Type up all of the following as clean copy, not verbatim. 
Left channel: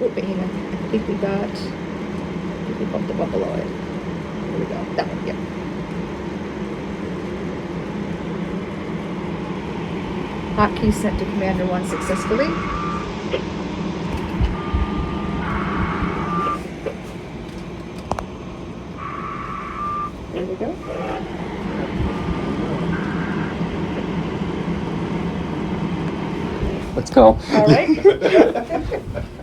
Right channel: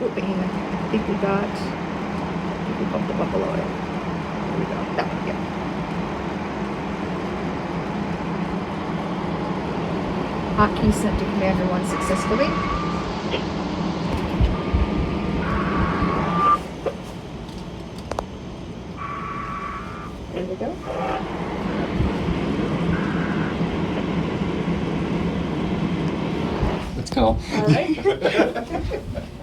Whooping even. I think we bumped it up below it. There we go. That one, yeah. Hotkey sent to Commander 1 successfully. There we go. Let's go. All right.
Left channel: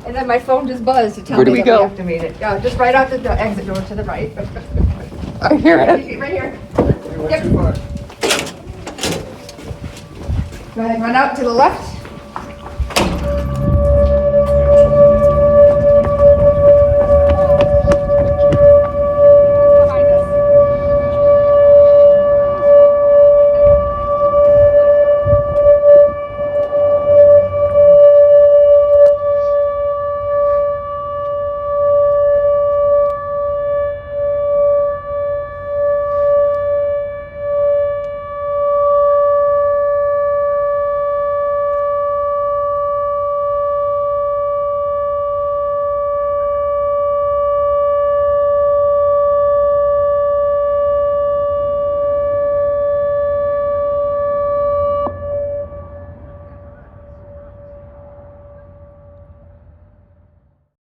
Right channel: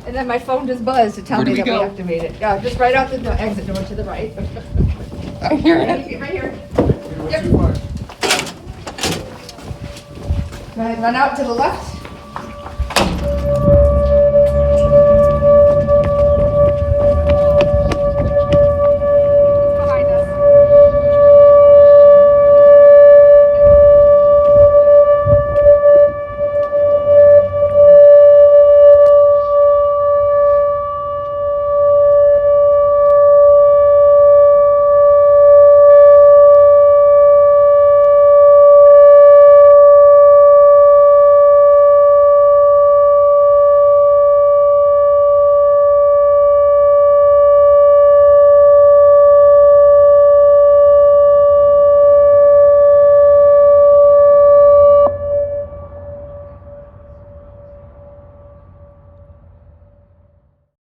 And then my phone just buzzed to tell Where do me we that we go? activated. Just right out the exit door to the right. I hear it. Right here. Yep. Go ahead, run out to the left.